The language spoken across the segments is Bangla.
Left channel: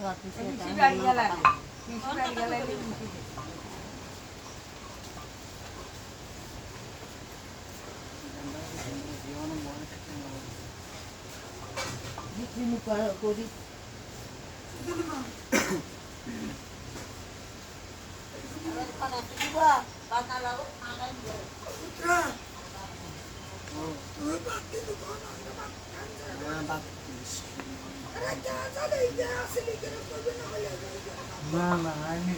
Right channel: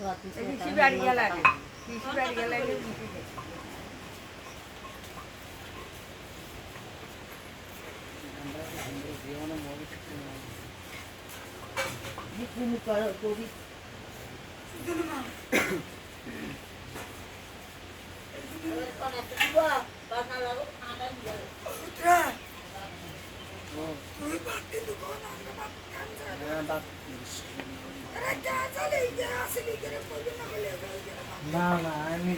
পিসি বাড়ি গেলে না না আমি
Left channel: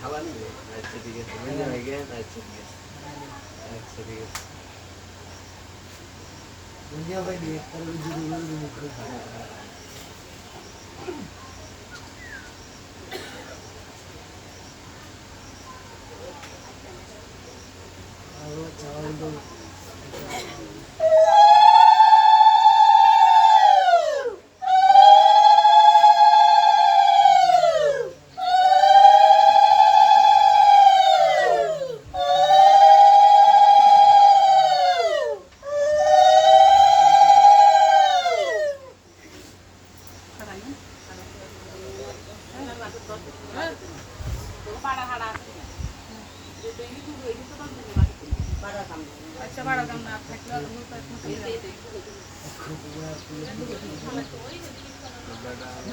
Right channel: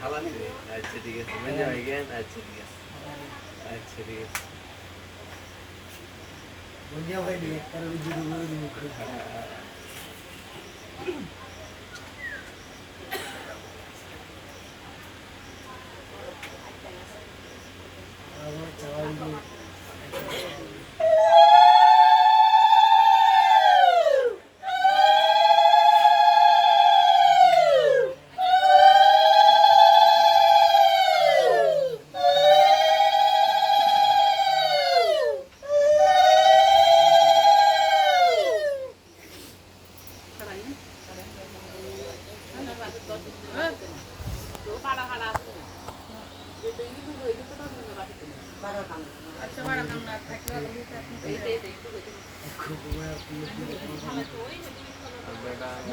খাওয়া নিবে আচ্ছা ঠিক আছে মানে হয়ে গেল আচ্ছা ঠিক আছে আচ্ছা ঠিক আছে বুঝিয়া ভাই দিয়ে তার ভিডিও করে আর চাওয়াল আচ্ছা বাড়া দাম না থাকলে বেটা আমার